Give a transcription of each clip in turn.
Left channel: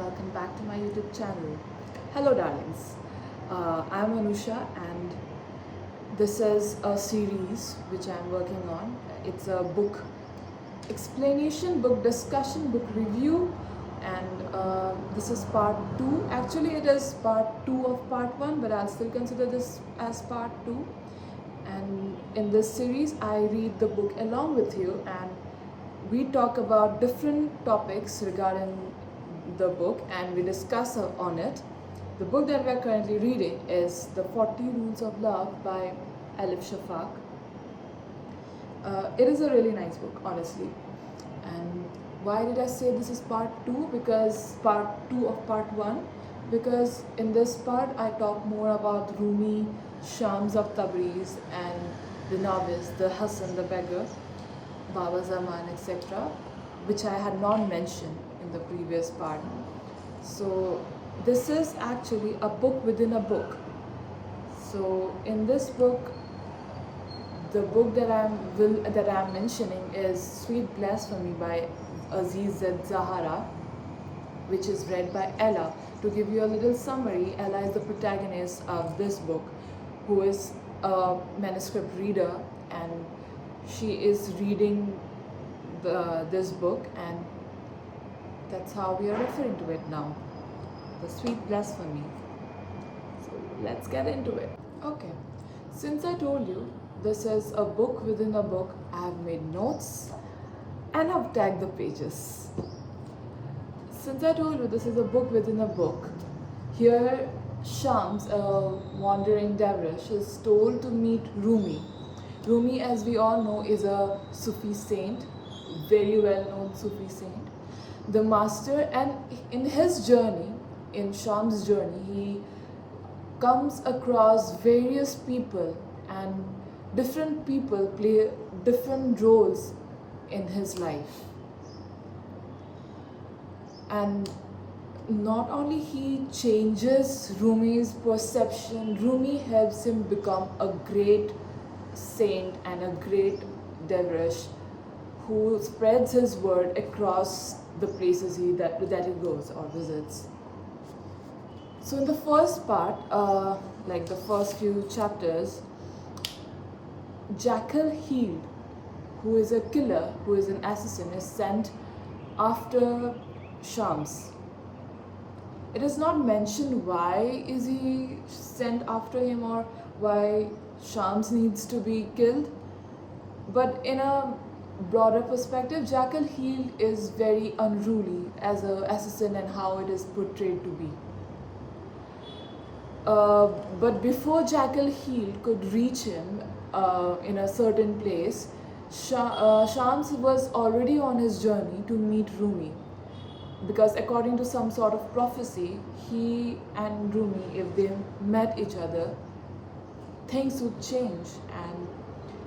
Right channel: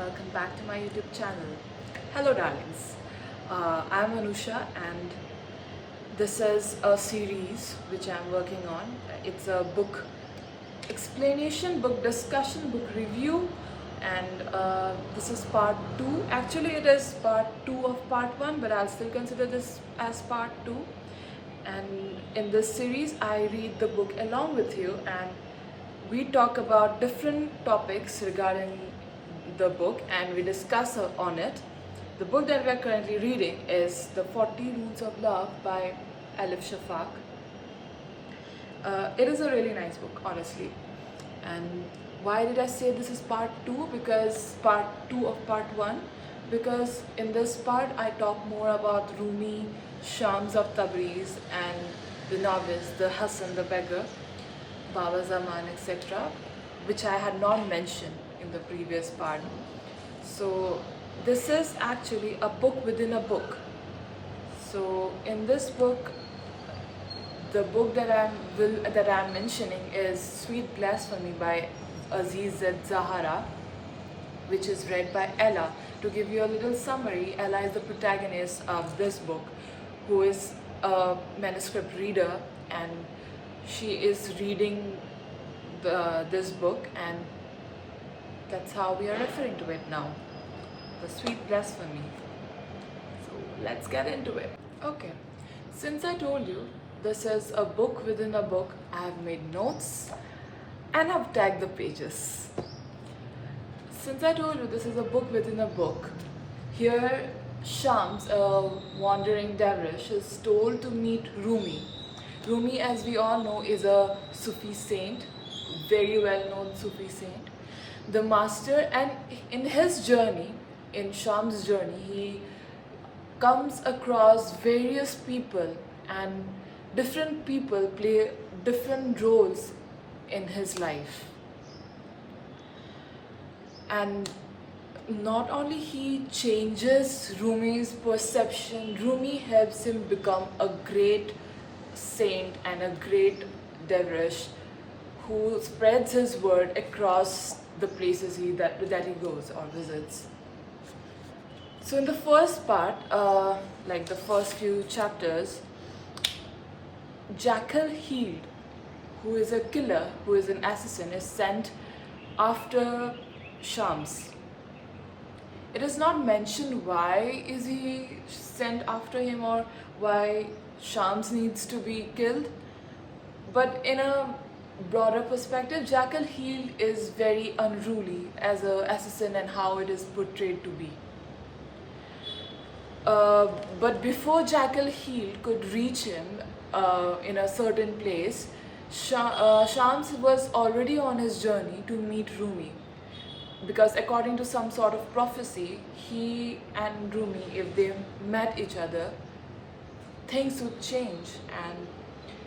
welcome back to my YouTube channel. Hello darlings, I'm Anusha and this is a series which I'm working on. It's a book explanation, book discussion, book review, and this is part 2. Actually it is part 2 of part 1, but I'll still consider this as part 2. And in this series I read the book along with you and we talk about different topics regarding the book and we discuss on it. The book that we are currently reading is The 40 Rules of Love by Elif Shafak. It is a really nice book, honestly. And why did I say this is part 2? Because part 2 of part 1. Because in this part I talk more about Rumi, Shams of Tabriz and the novice, the Hassan the Beggar, Baba Zaman, etc., which I had not mentioned in the previous part. So this is actually a book within a book. So in this book, the book that I'm mentioning is Sweet Blasphemy by Aziz Z Zahara, which is read by Ella. To give you a little summary, Ella is the protagonist of this book, who is a manuscript reader, and she is reading this book, and that's how we are referring to it now, the Sweet Blasphemy. So let's get into it. Okay, since I told you this is a book within a book, I have made notes and I've tagged the pages. Since I told you this is a book within a book, here Shams, a wandering dervish, is told to meet Rumi. Rumi, as we all know, is a Sufi saint, very well known Sufi saint. The master, and in his journey, in Shams' journey, he comes across various people, and different people play different roles in his life. And not only he changes Rumi's perception, Rumi helps him become a great saint and a great dervish who spreads his word across the places that he goes or visits. So in the first part, like the first few chapters, Jackal Healed, who is a killer, who is an assassin, is sent after Shams. It is not mentioned why is he sent after him or why Shams needs to be killed, but in a broader perspective, Jackal Healed is very unruly as an assassin and how it is portrayed to be. But before Jackal Healed could reach him in a certain place, Shams was already on his journey to meet Rumi. Because according to some sort of prophecy, he and Rumi, if they met each other, things would change. And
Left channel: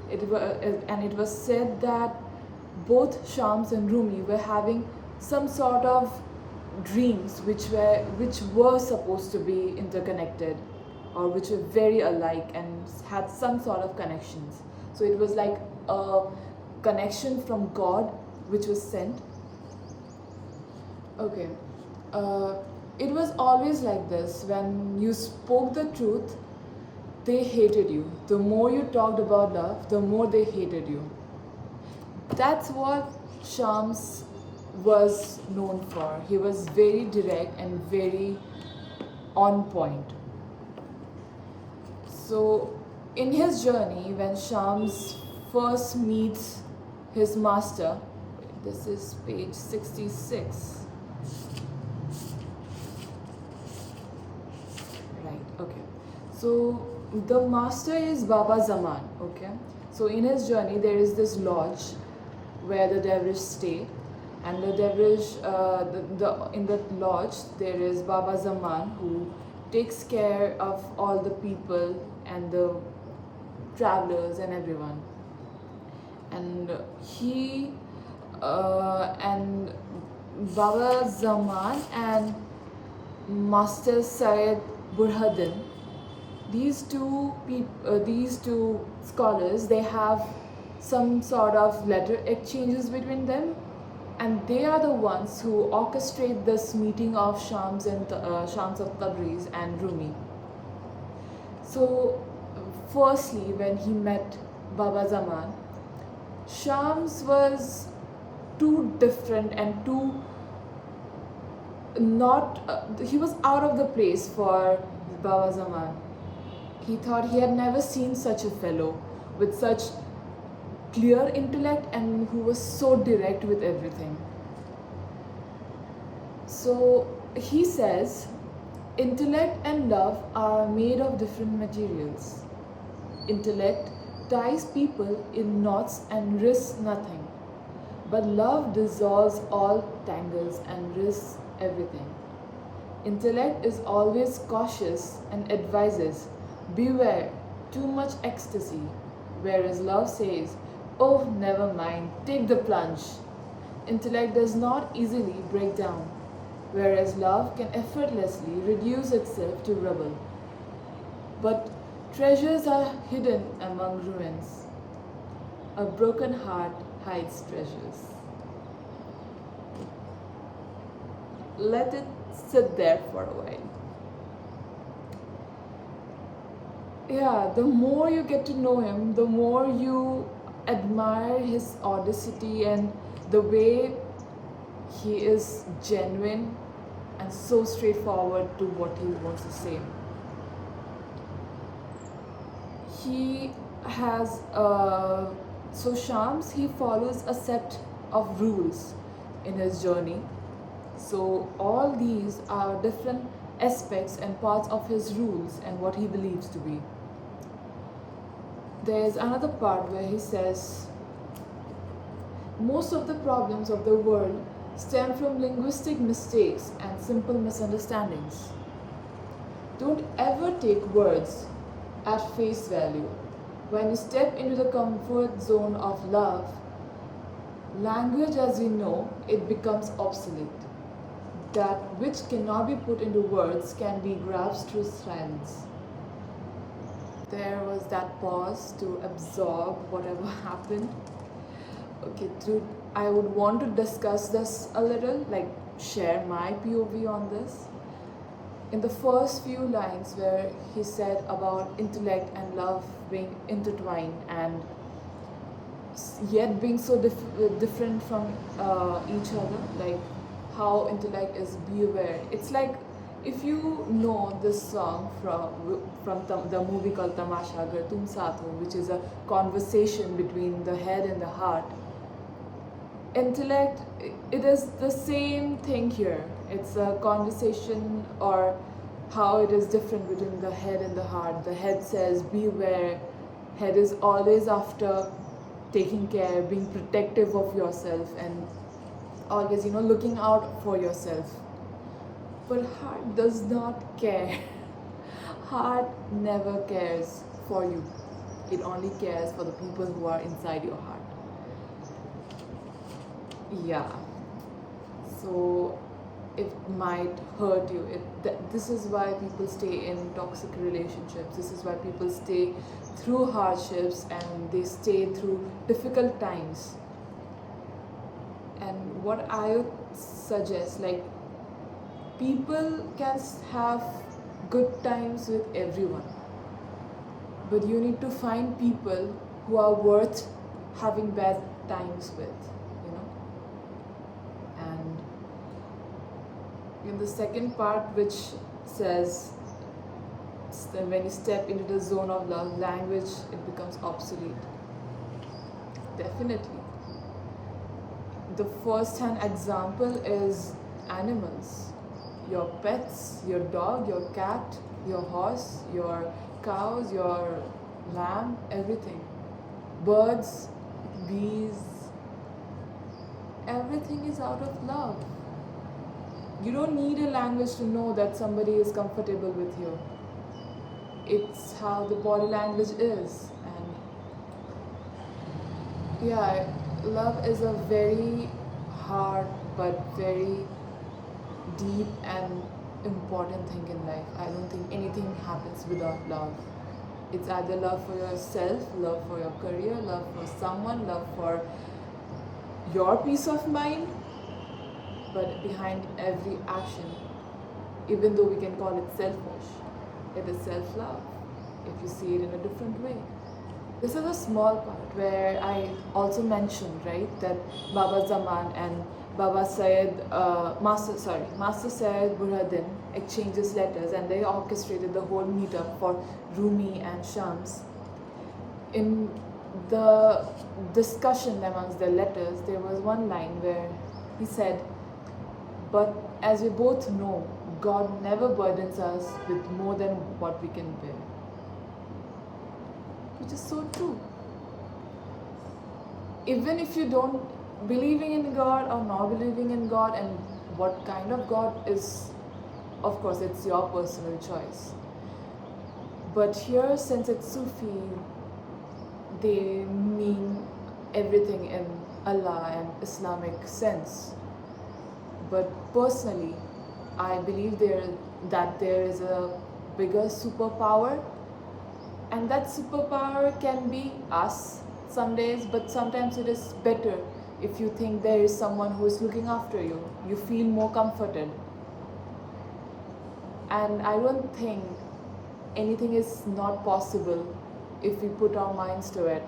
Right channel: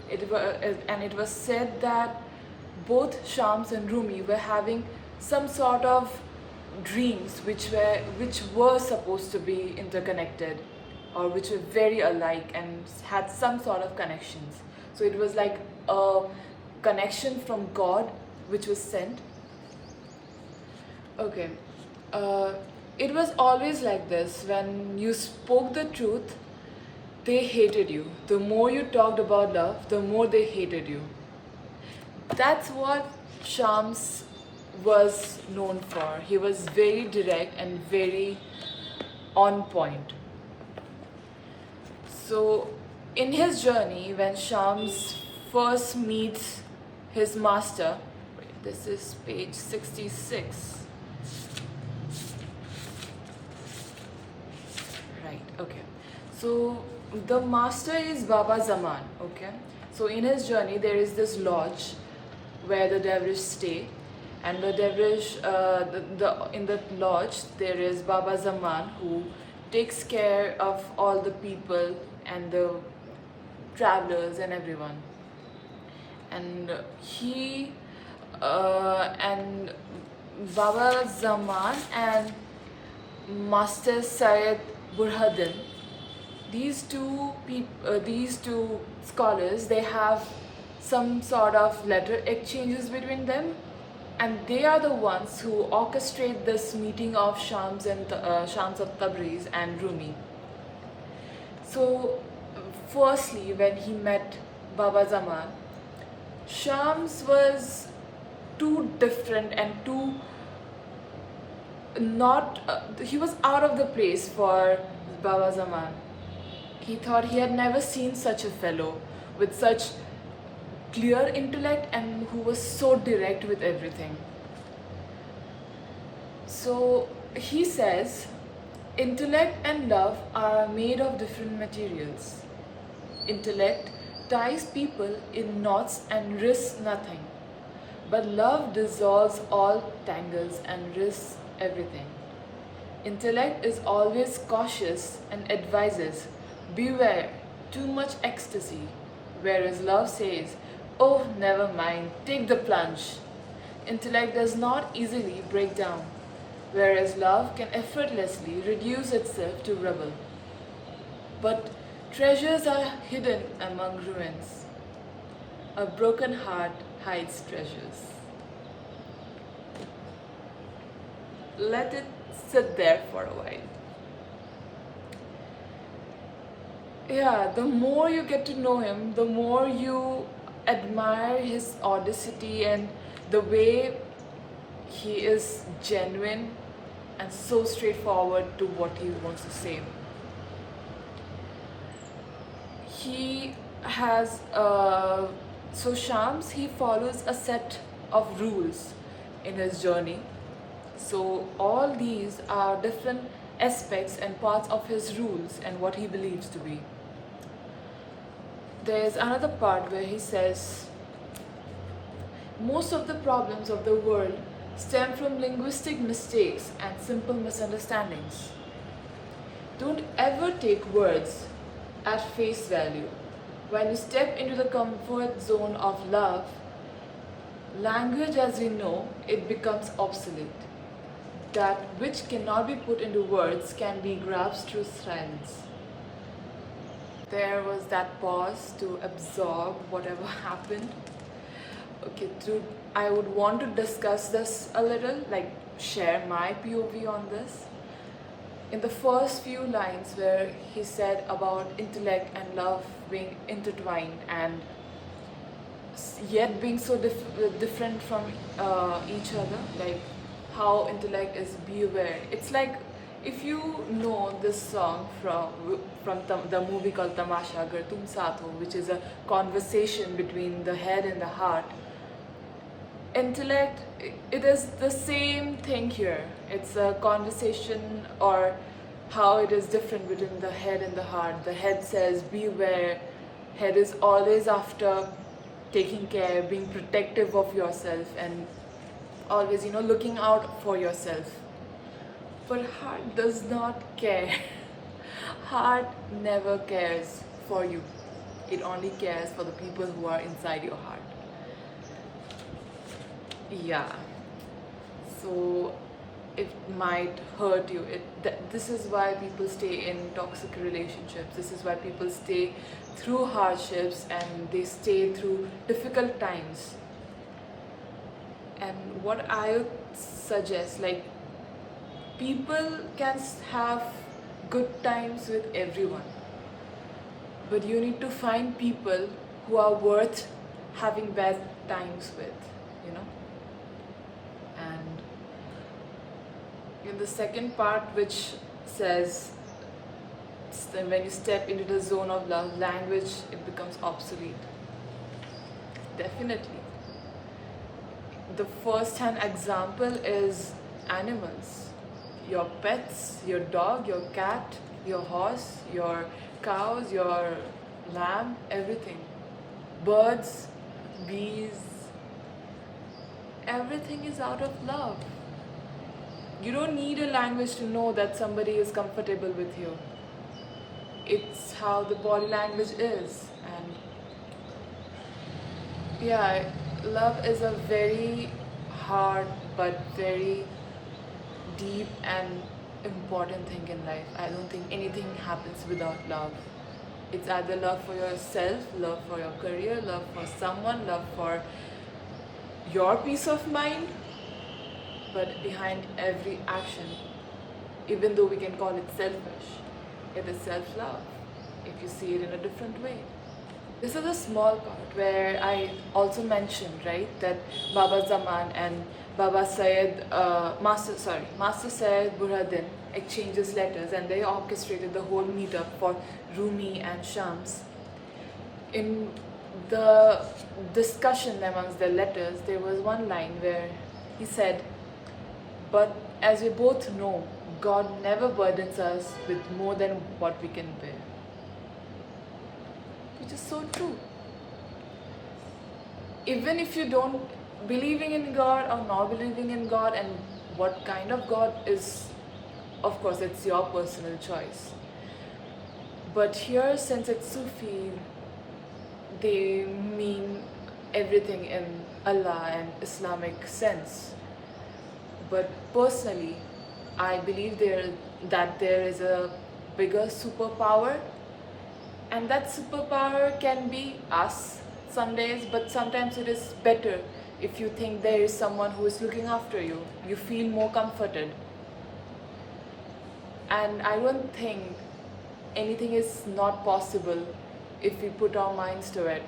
it was said that both Shams and Rumi were having some sort of dreams which were supposed to be interconnected, or which were very alike and had some sort of connections. So it was like a connection from God which was sent. Okay, it was always like this. When you spoke the truth, they hated you. The more you talked about love, the more they hated you. That's what Shams was known for. He was very direct and very on point. So in his journey, when Shams first meets his master, this is page 66. Okay, so the master is Baba Zaman. Okay, so in his journey there is this lodge where the dervish stay, and the dervish in the lodge there is Baba Zaman, who takes care of all the people and the travelers and everyone. And and Baba Zaman and Master Syed Burhaddin, these two scholars, they have some sort of letter exchanges between them, and they are the ones who orchestrate this meeting of Shams of Tabriz and Rumi. So, firstly, when he met Baba Zaman, Shams was too different and too not. He was out of the place for Baba Zaman. He thought he had never seen such a fellow with such clear intellect and who was so direct with everything. So he says, intellect and love are made of different materials. Intellect ties people in knots and risks nothing, but love dissolves all tangles and risks everything. Intellect is always cautious and advises, beware, too much ecstasy, whereas love says, oh, never mind, take the plunge. Intellect does not easily break down, whereas love can effortlessly reduce itself to rubble. But treasures are hidden among ruins. A broken heart hides treasures. Let it sit there for a while. Yeah, the more you get to know him, the more you admire his audacity and the way he is genuine and so straightforward to what he wants to say. He has so Shams, he follows a set of rules in his journey. So all these are different aspects and parts of his rules and what he believes to be. There's another part where he says, most of the problems of the world stem from linguistic mistakes and simple misunderstandings. Don't ever take words at face value. When you step into the comfort zone of love, language as you know, it becomes obsolete. That which cannot be put into words can be grasped through silence. There was that pause to absorb whatever happened. Okay, I would want to discuss this a little, like share my POV on this. In the first few lines where he said about intellect and love being intertwined and yet being so different from each other, like how intellect is beware. It's like if you know this song from the movie called Tamasha Agar Tum Saath Ho, which is a conversation between the head and the heart. Intellect, it is the same thing here. It's a conversation or how it is different between the head and the heart. The head says beware. Head is always after taking care, being protective of yourself and always, looking out for yourself. But heart does not care. Heart never cares for you. It only cares for the people who are inside your heart. Yeah. So it might hurt you. This is why people stay in toxic relationships. This is why people stay through hardships and they stay through difficult times. And what I would suggest, like, people can have good times with everyone, but you need to find people who are worth having bad times with, And in the second part, which says, when you step into the zone of love, language, it becomes obsolete. Definitely. The first-hand example is animals. Your pets, your dog, your cat, your horse, your cows, your lamb, everything. Birds, bees, everything is out of love. You don't need a language to know that somebody is comfortable with you. It's how the body language is. And yeah, love is a very hard but very deep and important thing in life. I don't think anything happens without love. It's either love for yourself, love for your career, love for someone, love for your peace of mind, but behind every action, even though we can call it selfish, it is self-love if you see it in a different way. This is a small part where I also mentioned, right, that Baba Zaman and Master Syed Burhanuddin exchanges letters, and they orchestrated the whole meetup for Rumi and Shams. In the discussion amongst the letters, there was one line where he said, "But as we both know, God never burdens us with more than what we can bear." Which is so true. Even if you don't believing in God or not believing in God, and what kind of God is, of course, it's your personal choice. But here, since it's Sufi, they mean everything in Allah and Islamic sense. But personally, I believe that there is a bigger superpower, and that superpower can be us some days, but sometimes it is better if you think there is someone who is looking after you. You feel more comforted. And I don't think anything is not possible if we put our minds to it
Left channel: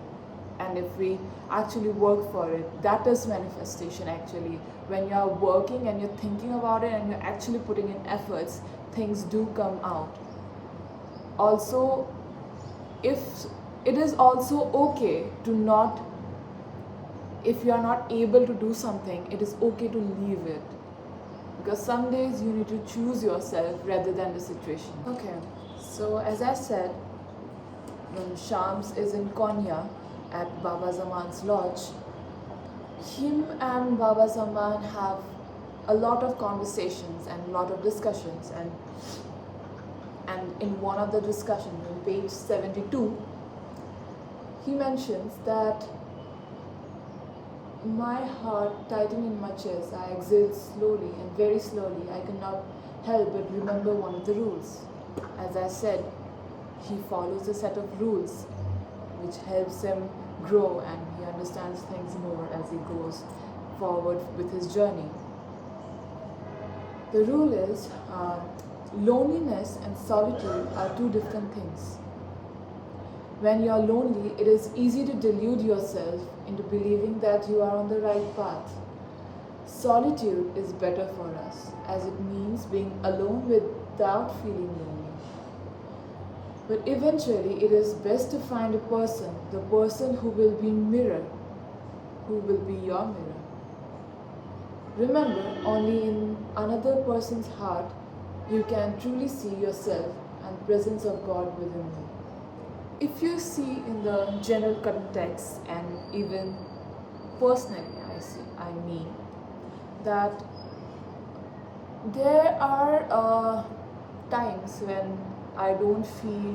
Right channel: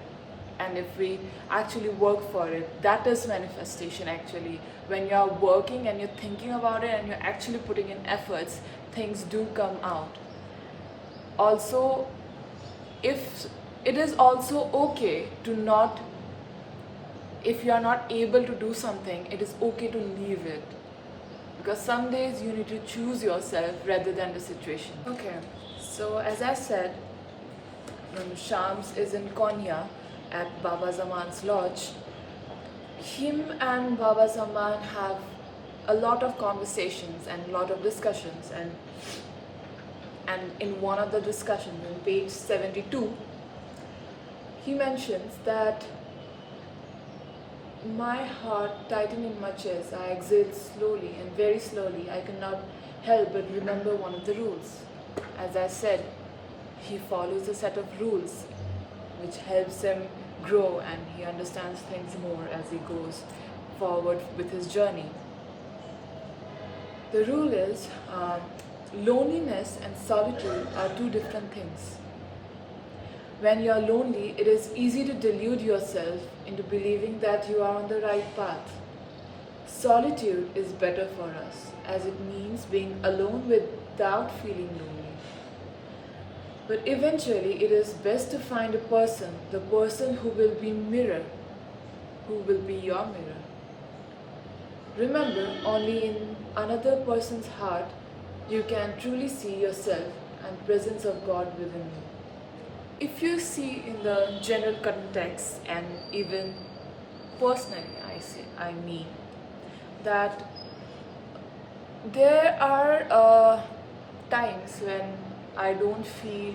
and if we actually work for it. That is manifestation actually. When you're working and you're thinking about it and you're actually putting in efforts, things do come out. Also, if it is also okay to not, if you are not able to do something, it is okay to leave it, because some days you need to choose yourself rather than the situation. Okay, so as I said, Shams is in Konya at Baba Zaman's lodge. Him and Baba Zaman have a lot of conversations and a lot of discussions, and in one of the discussions on page 72, he mentions that my heart tightened in my chest. I exhaled slowly, and very slowly I could not help but remember one of the rules. As I said, he follows a set of rules which helps him grow, and he understands things more as he goes forward with his journey. The rule is loneliness and solitude are two different things. When you are lonely, it is easy to delude yourself into believing that you are on the right path. Solitude is better for us, as it means being alone without feeling lonely. But eventually, it is best to find a person, the person who will be mirror, who will be your mirror. Remember, only in another person's heart you can truly see yourself and presence of God within you. If you see in the general context and even personally, I mean that there are times when I don't feel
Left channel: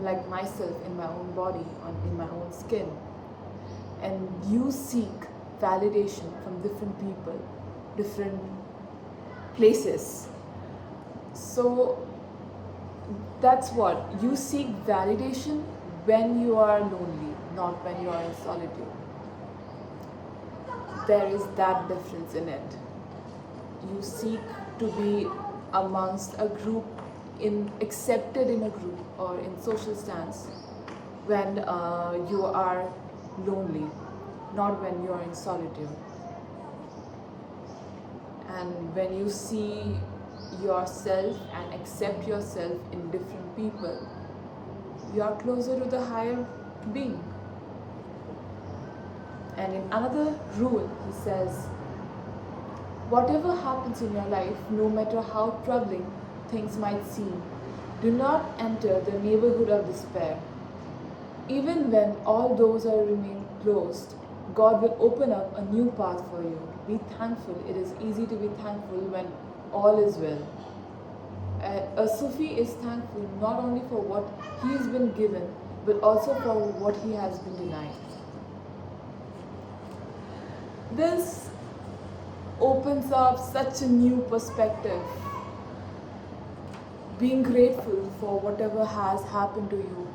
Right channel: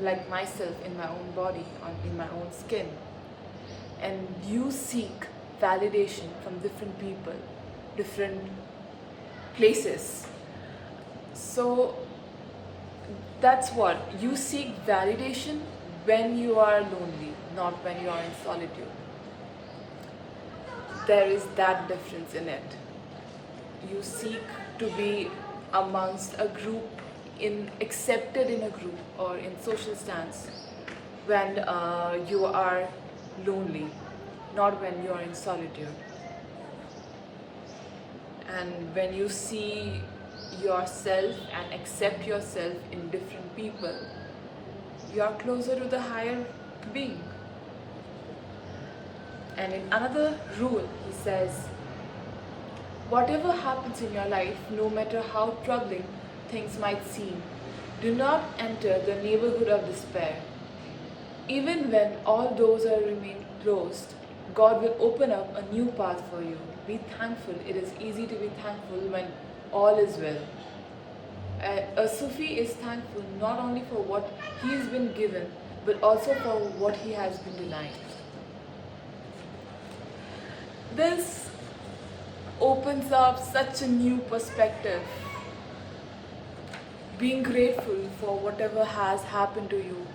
like myself in my own body, in my own skin, and you seek validation from different people, different places. So that's what you seek validation when you are lonely, not when you are in solitude. There is that difference in it. You seek to be amongst a group, accepted in a group or in social stance when you are lonely, not when you are in solitude. And when you see yourself and accept yourself in different people, you are closer to the higher being. And in another rule, he says, whatever happens in your life, no matter how troubling things might seem, do not enter the neighborhood of despair. Even when all doors are remain closed, God will open up a new path for you. Be thankful. It is easy to be thankful when all is well. A Sufi is thankful not only for what he has been given, but also for what he has been denied. This opens up such a new perspective. Being grateful for whatever has happened to you,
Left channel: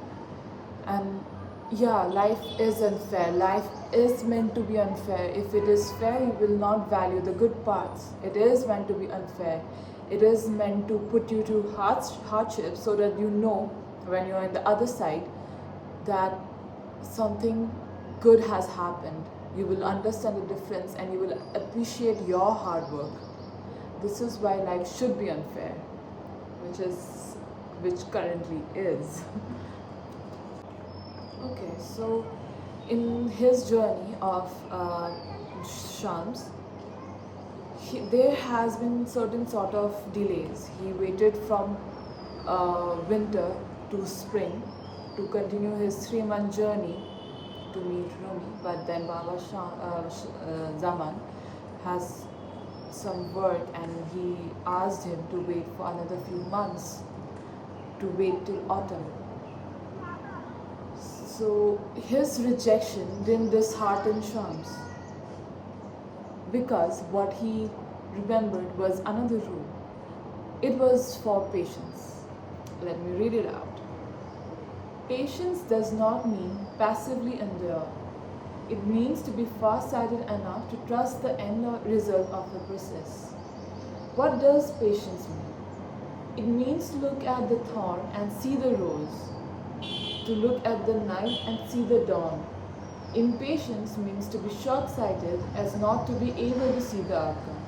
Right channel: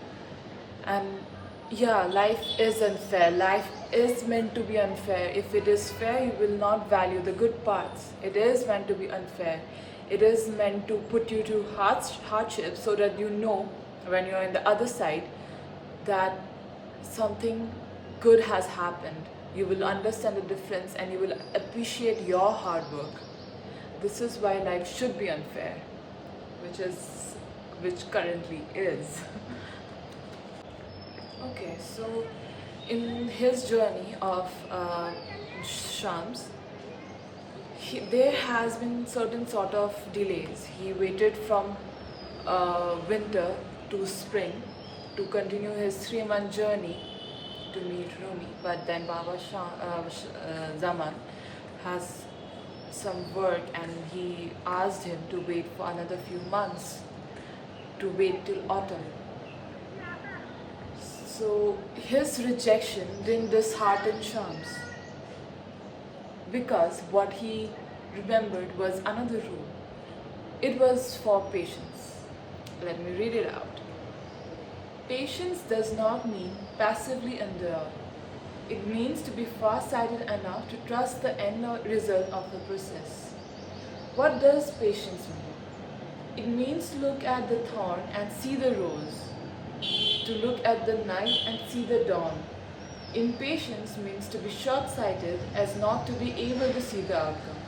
and Yeah, life is unfair. Life is meant to be unfair. If it is fair, you will not value the good parts. It is meant to be unfair. It is meant to put you to hardship so that you know when you're in the other side that something good has happened. You will understand the difference and you will appreciate your hard work. This is why life should be unfair, which is which currently is. Okay, so in his journey of Shams, there has been certain sort of delays. He waited from winter to spring to continue his 3 month journey to meet Rumi. But then Zaman has some work and he asked him to wait for another few months, to wait till autumn. So his rejection didn't dishearten Shams because what he remembered was another rule. It was for patience. Let me read it out. Patience does not mean passively endure. It means to be far-sighted enough to trust the end result of the process. What does patience mean? It means to look at the thorn and see the rose, to look at the night and see the dawn. Impatience means to be short-sighted as not to be able to see the outcome.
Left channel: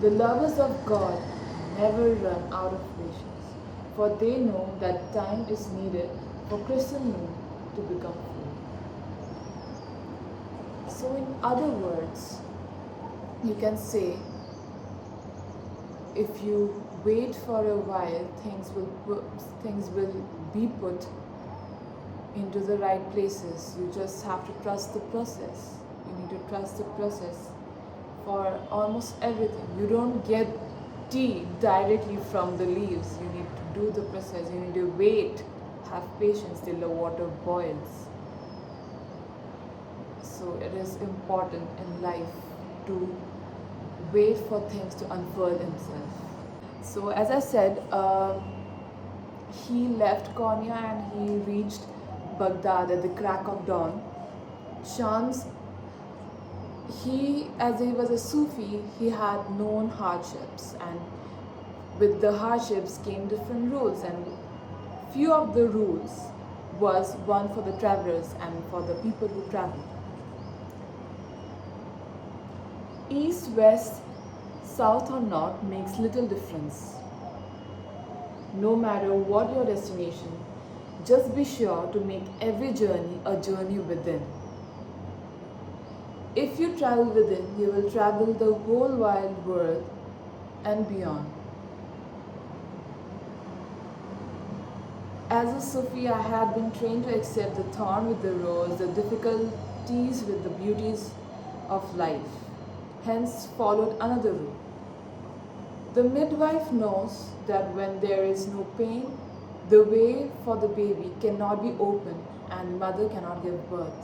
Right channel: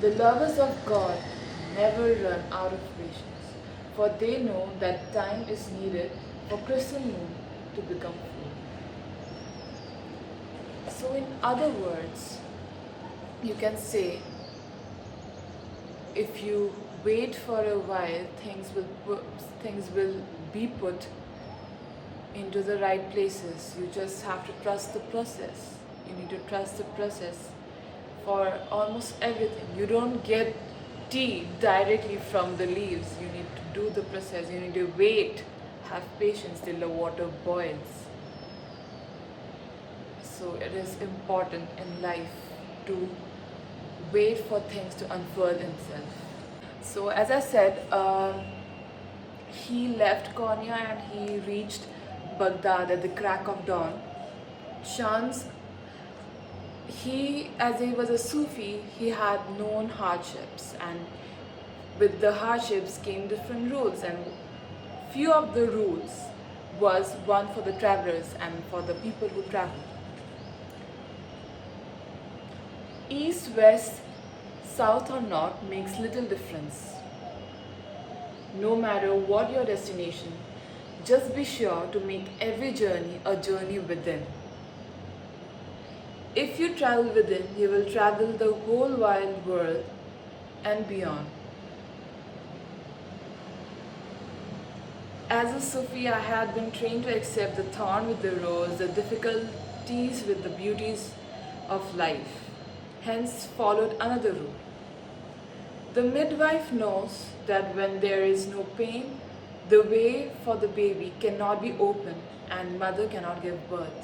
The lovers of God never run out of patience, for they know that time is needed for crescent moon to become full. So in other words, you can say, if you wait for a while, things will be put into the right places. You just have to trust the process. You need to trust the process for almost everything. You don't get tea directly from the leaves. You need to do the process. You need to wait, have patience till the water boils. So it is important in life to wait for things to unfurl themselves. So as I said, he left Konya and he reached Baghdad at the crack of dawn. Shams, as he was a Sufi, he had known hardships, and with the hardships came different rules, and few of the rules was one for the travelers and for the people who travel. East, west, south or north makes little difference. No matter what your destination, just be sure to make every journey a journey within. If you travel within, you will travel the whole wide world and beyond. As a Sufi, I had been trained to accept the thorn with the rose, the difficulties with the beauties of life. Hence, followed another rule. The midwife knows that when there is no pain, the way for the baby cannot be opened and mother cannot give birth.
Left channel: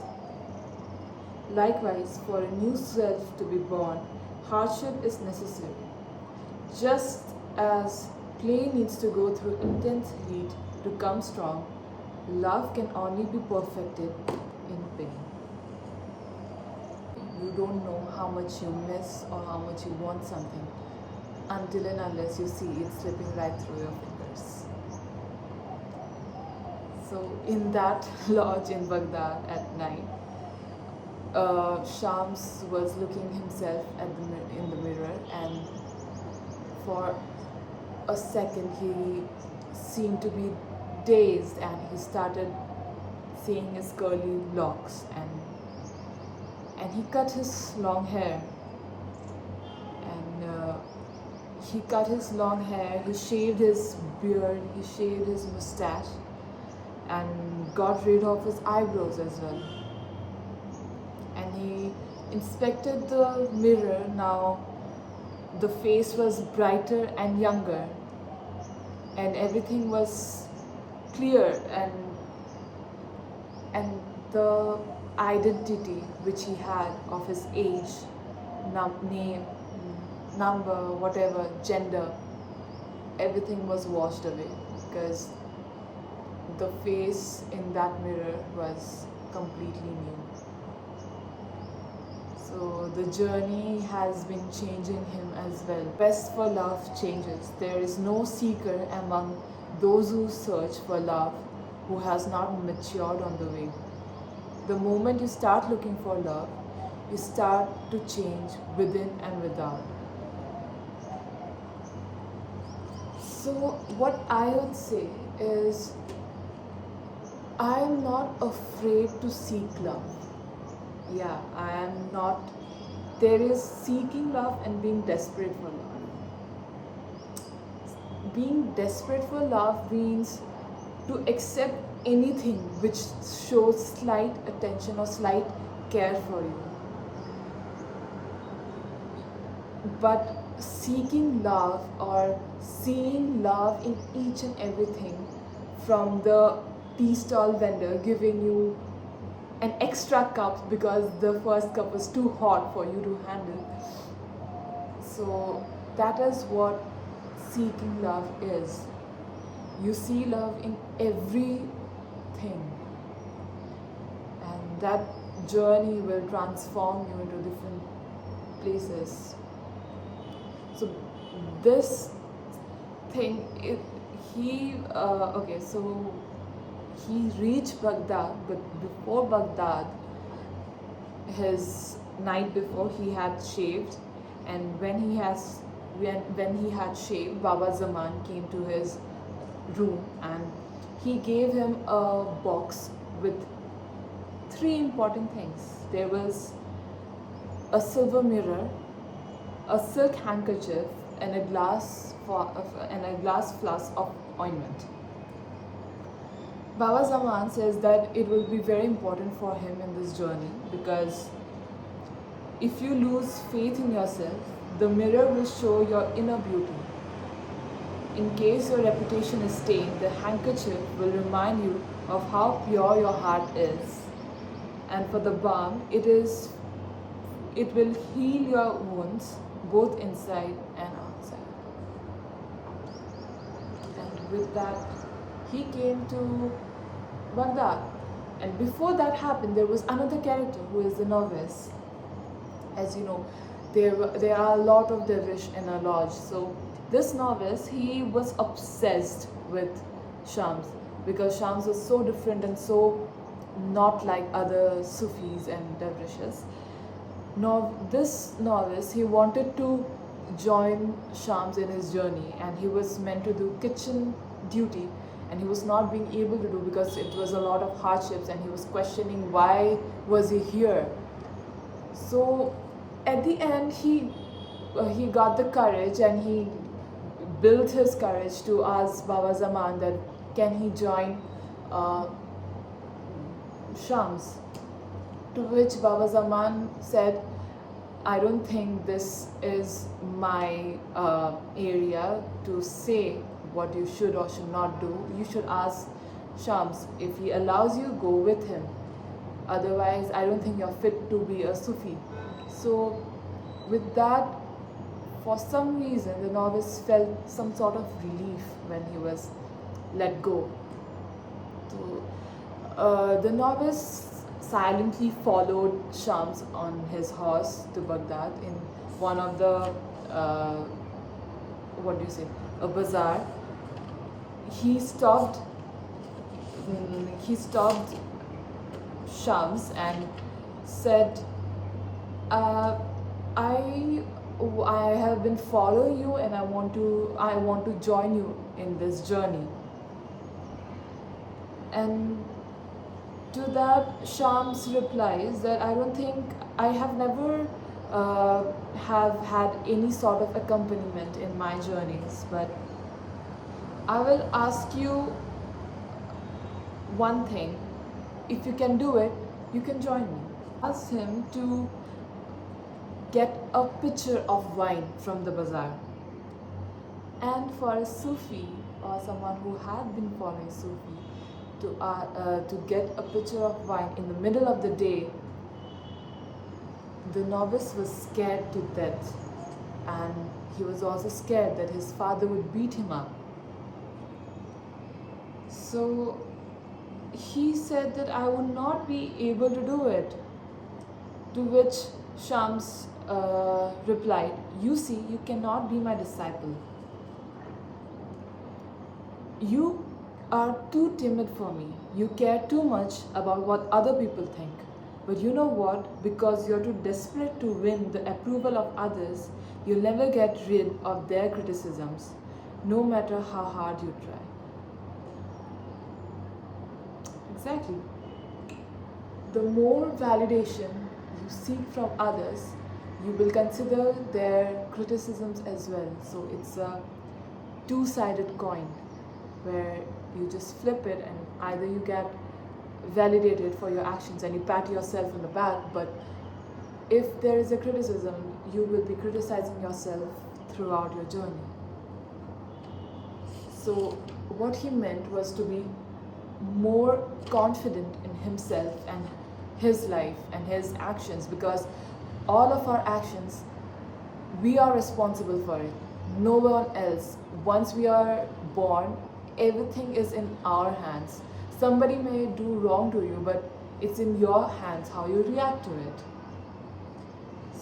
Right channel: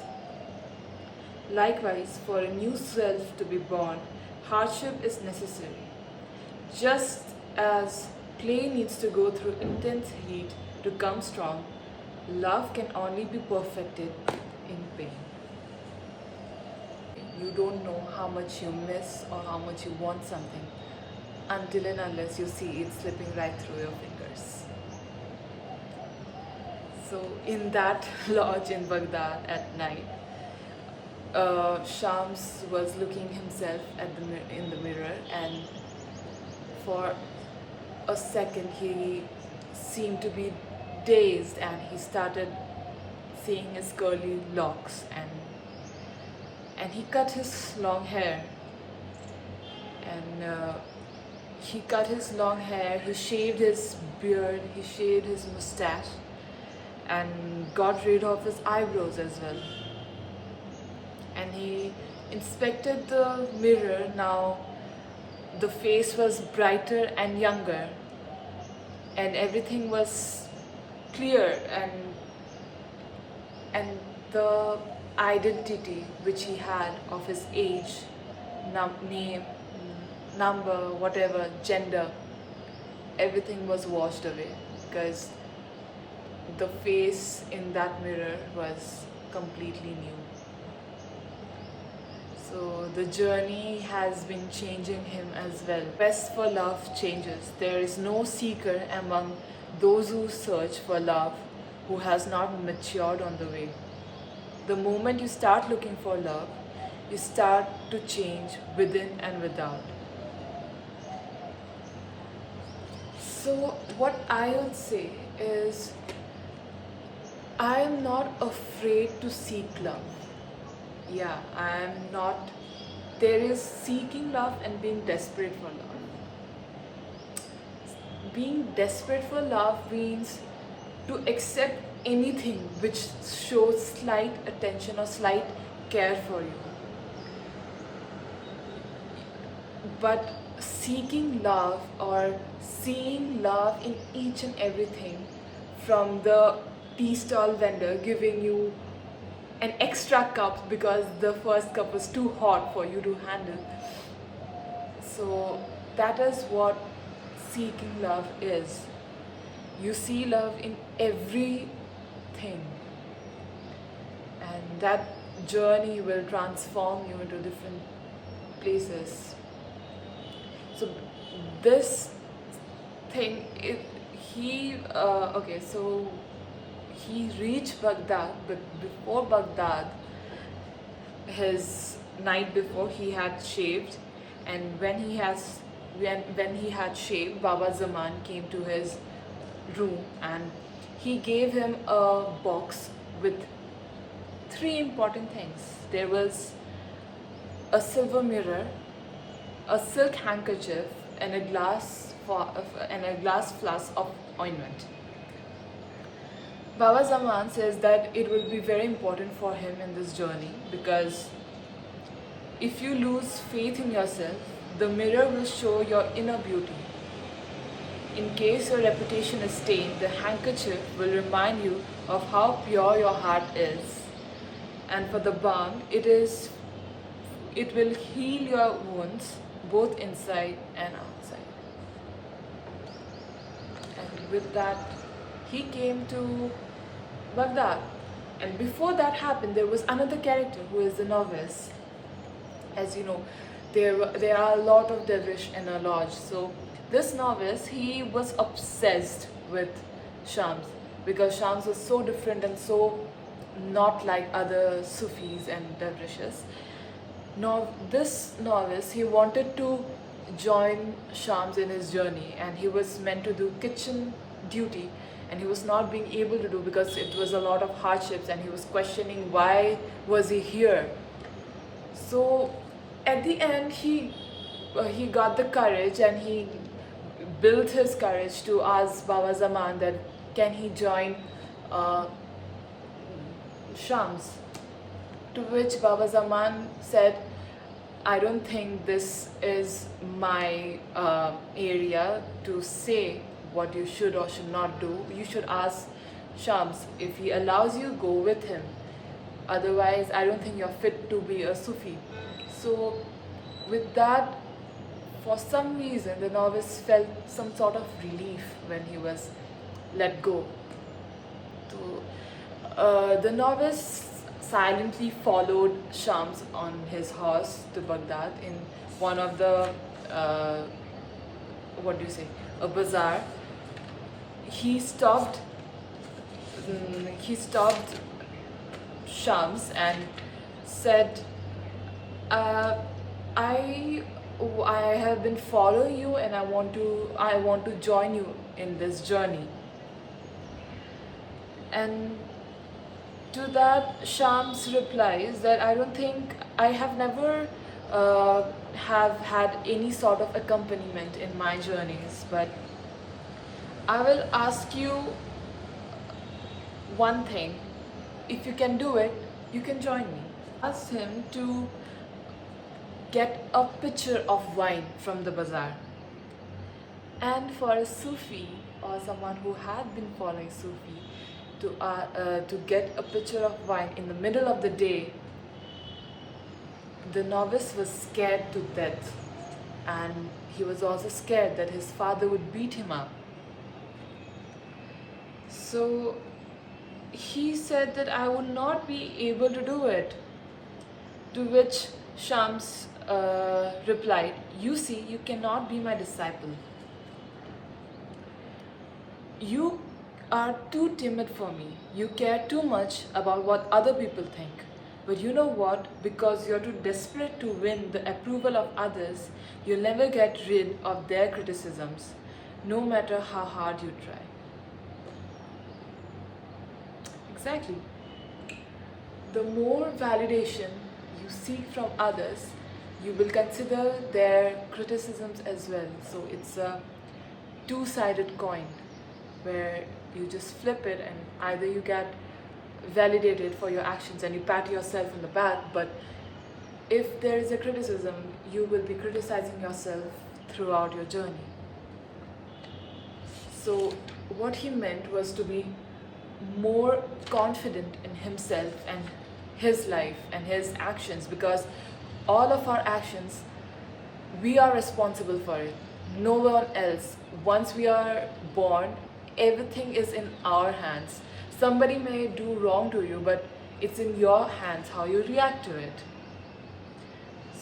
Likewise, for a new self to be born, hardship is necessary. Just as clay needs to go through intense heat to come strong, love can only be perfected in pain. You don't know how much you miss or how much you want something until and unless you see it slipping right through your fingers. So in that lodge in Baghdad at night, Shams was looking himself in the mirror, and for a second he seemed to be dazed, and he started seeing his curly locks, and he cut his long hair, and he cut his long hair, he shaved his beard, he shaved his mustache, and got rid of his eyebrows as well. And he inspected the mirror. Now the face was brighter and younger, and everything was clear, and the identity which he had of his age, name, number, whatever, gender, everything was washed away, because the face in that mirror was completely new. So the journey has been changing him as well. Quest for love changes. There is no seeker among those who search for love who has not matured on the way. The moment you start looking for love, you start to change within and without. So what I would say is, I am not afraid to seek love. Yeah, I am not. There is seeking love and being desperate for love. Being desperate for love means to accept anything which shows slight attention or slight care for you. But seeking love or seeing love in each and everything, from the tea stall vendor giving you an extra cup because the first cup was too hot for you to handle. So that is what seeking love is. You see love in everything, and that journey will transform you into different places. So this thing, so he reached Baghdad, but before Baghdad, his night before, he had shaved, and when he had shaved, Baba Zaman came to his room and he gave him a box with 3 important things. There was a silver mirror, a silk handkerchief, and a glass flask of ointment. Baba Zaman says that it will be very important for him in this journey, because if you lose faith in yourself, the mirror will show your inner beauty. In case your reputation is stained, the handkerchief will remind you of how pure your heart is. And for the balm, it will heal your wounds both inside and outside. And with that, he came to Baghdad. And before that happened, there was another character who is the novice. As you know, there are a lot of dervish in a lodge. So this novice, he was obsessed with Shams, because Shams was so different and so not like other Sufis and dervishes. Now this novice, he wanted to join Shams in his journey, and he was meant to do kitchen duty, and he was not being able to do because it was a lot of hardships, and he was questioning why was he here. So at the end, he got the courage, and he built his courage to ask Baba Zaman that can he join Shams. To which Baba Zaman said, I don't think this is my area to say what you should or should not do. You should ask Shams. If he allows you, go with him. Otherwise, I don't think you're fit to be a Sufi. So with that, for some reason, the novice felt some sort of relief when he was let go. So the novice silently followed Shams on his horse to Baghdad in one of the a bazaar. He stopped Shams and said, I have been following you, and I want to join you in this journey. And to that, Shams replies that I don't think, I have never have had any sort of accompaniment in my journeys, but I will ask you one thing. If you can do it, you can join me. Ask him to get a pitcher of wine from the bazaar. And for a Sufi or someone who had been following Sufi, to get a pitcher of wine in the middle of the day, the novice was scared to death, and he was also scared that his father would beat him up. So he said that I would not be able to do it. To which Shams replied, "You see, you cannot be my disciple. You are too timid for me. You care too much about what other people think. But you know what? Because you're too desperate to win the approval of others, you'll never get rid of their criticisms, no matter how hard you try." Exactly. The more validation you seek from others, you will consider their criticisms as well. So it's a two-sided coin where you just flip it, and either you get validated for your actions and you pat yourself on the back, but if there is a criticism, you will be criticizing yourself throughout your journey. So what he meant was to be more confident in himself and his life and his actions, because all of our actions, we are responsible for it, no one else. Once we are born, everything is in our hands. Somebody may do wrong to you, but it's in your hands how you react to it.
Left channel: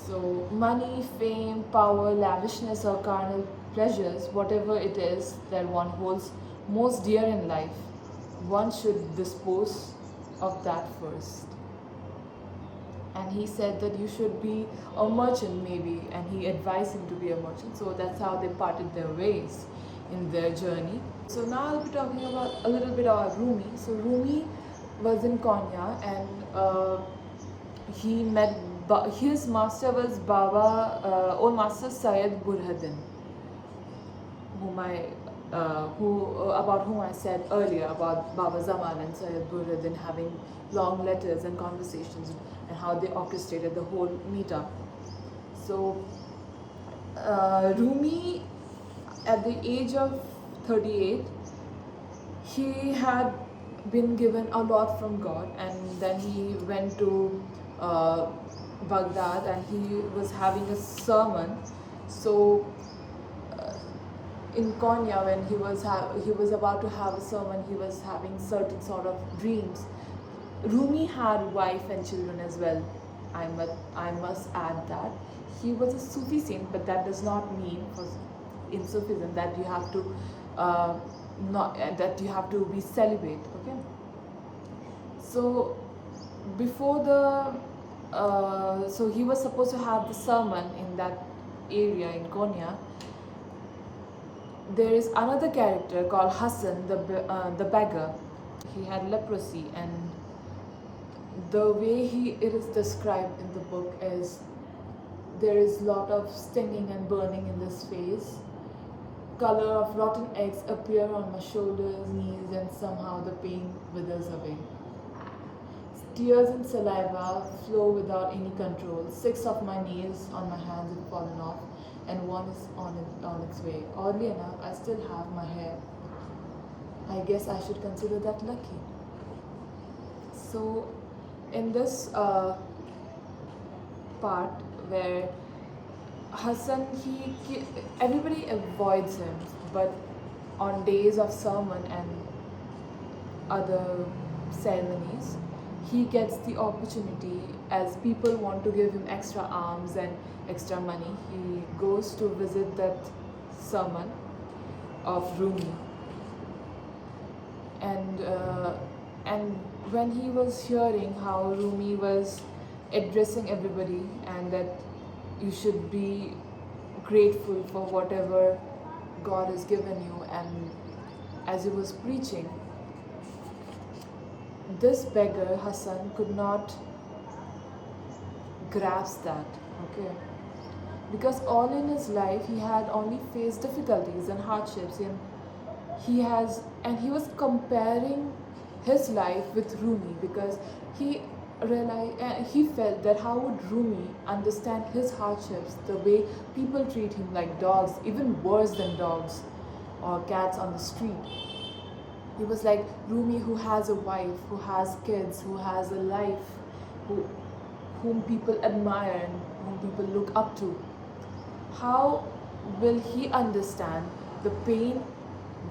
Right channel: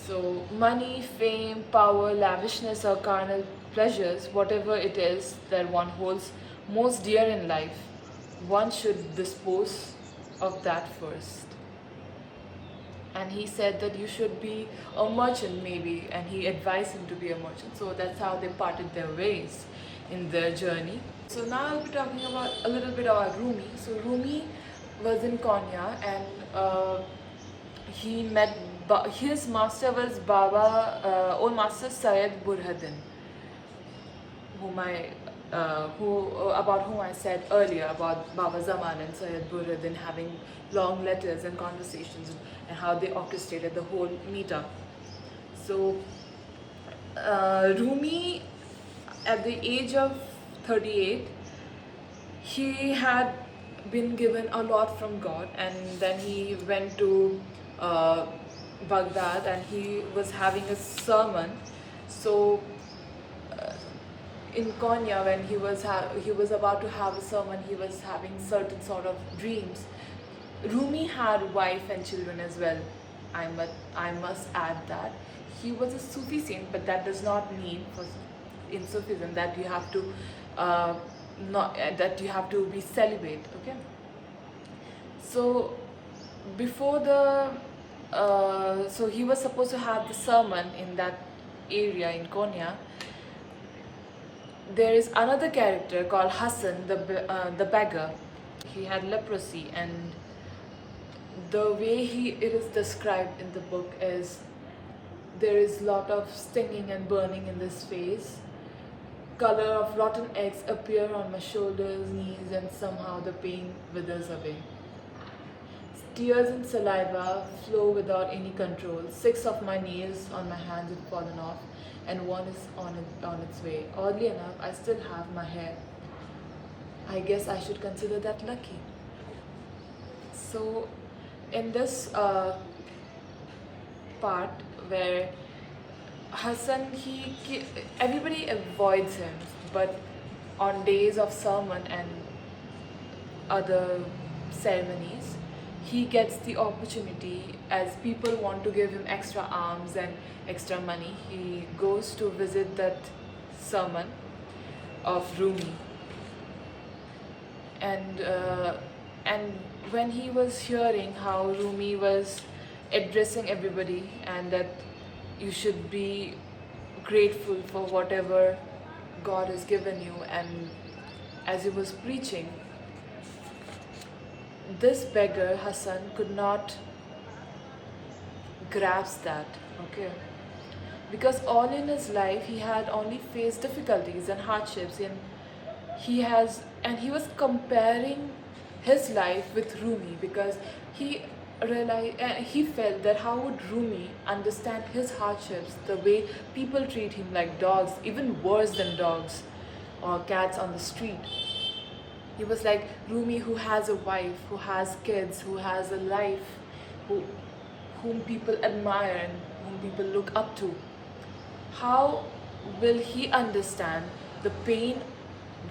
So money, fame, power, lavishness, or carnal pleasures, whatever it is that one holds most dear in life, one should dispose of that first. And he said that you should be a merchant maybe, and he advised him to be a merchant. So that's how they parted their ways in their journey. So now I'll be talking about a little bit about Rumi. So Rumi was in Konya, and he met his master was Baba, old master Syed Burhanuddin, about whom I said earlier about Baba Zaman and Syed Burhanuddin having long letters and conversations, and how they orchestrated the whole meetup. So Rumi, at the age of 38, he had been given a lot from God, and then he went to Baghdad, and he was having a sermon. So in Konya, when he was about to have a sermon, he was having certain sort of dreams. Rumi had wife and children as well. I must add that he was a Sufi saint, but that does not mean in Sufism that you have to that you have to be celibate. Okay. So before the so he was supposed to have the sermon in that area in Konya. There is another character called Hassan the Beggar. He had leprosy, and the way it is described in the book is there is lot of stinging and burning in this face. Color of rotten eggs appear on my shoulders, knees, and somehow the pain withers away. Tears and saliva flow without any control. 6 of my nails on my hands have fallen off, and one is on its way. Oddly enough, I still have my hair. I guess I should consider that lucky. So in this part where Hassan, everybody avoids him, but on days of sermon and other ceremonies, he gets the opportunity, as people want to give him extra alms and extra money. He goes to visit that sermon of Rumi, and when he was hearing how Rumi was addressing everybody, and that you should be grateful for whatever God has given you, and as he was preaching, this beggar Hassan could not grasp that. Okay, because all in his life he had only faced difficulties and hardships, and he was comparing his life with Rumi, because he realized, he felt that how would Rumi understand his hardships, the way people treat him like dogs, even worse than dogs or cats on the street. He was like, Rumi, who has a wife, who has kids, who has a life, whom people admire and whom people look up to, how will he understand the pain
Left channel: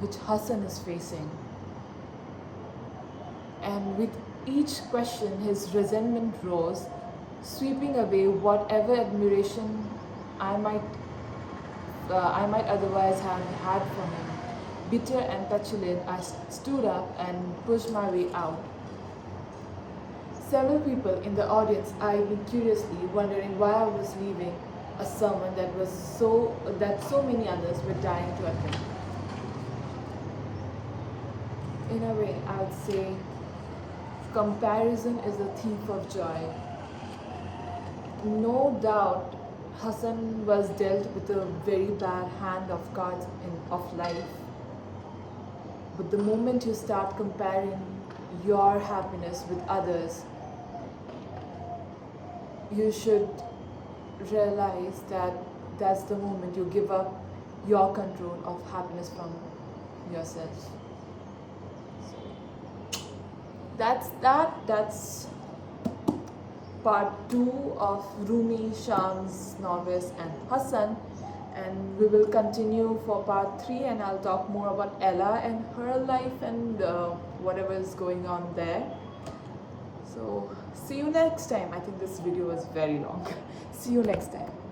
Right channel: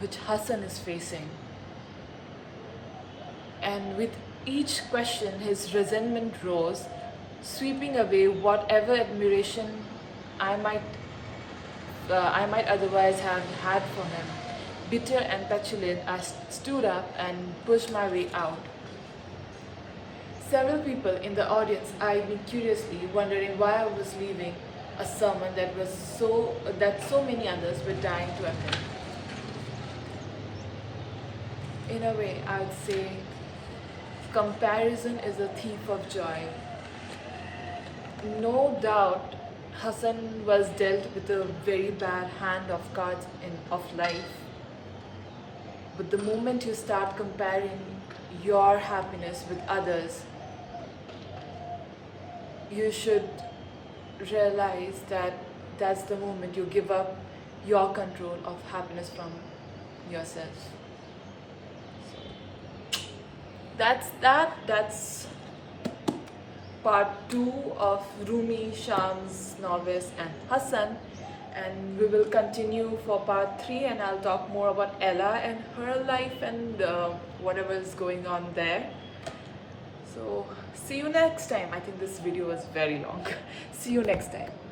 which Hassan is facing? And with each question, his resentment rose, sweeping away whatever admiration I might I might otherwise have had for him. Bitter and petulant, I stood up and pushed my way out. Several people in the audience eyed me curiously, wondering why I was leaving a sermon that so many others were dying to attend. In a way, I would say comparison is a thief of joy. No doubt, Hassan was dealt with a very bad hand of cards of life. But the moment you start comparing your happiness with others, you should realize that that's the moment you give up your control of happiness from yourself. That's part 2 of Rumi, Shams, Novice and Hassan, and we will continue for part 3, and I'll talk more about Ella and her life and whatever is going on there. So see you next time. I think this video was very long. See you next time.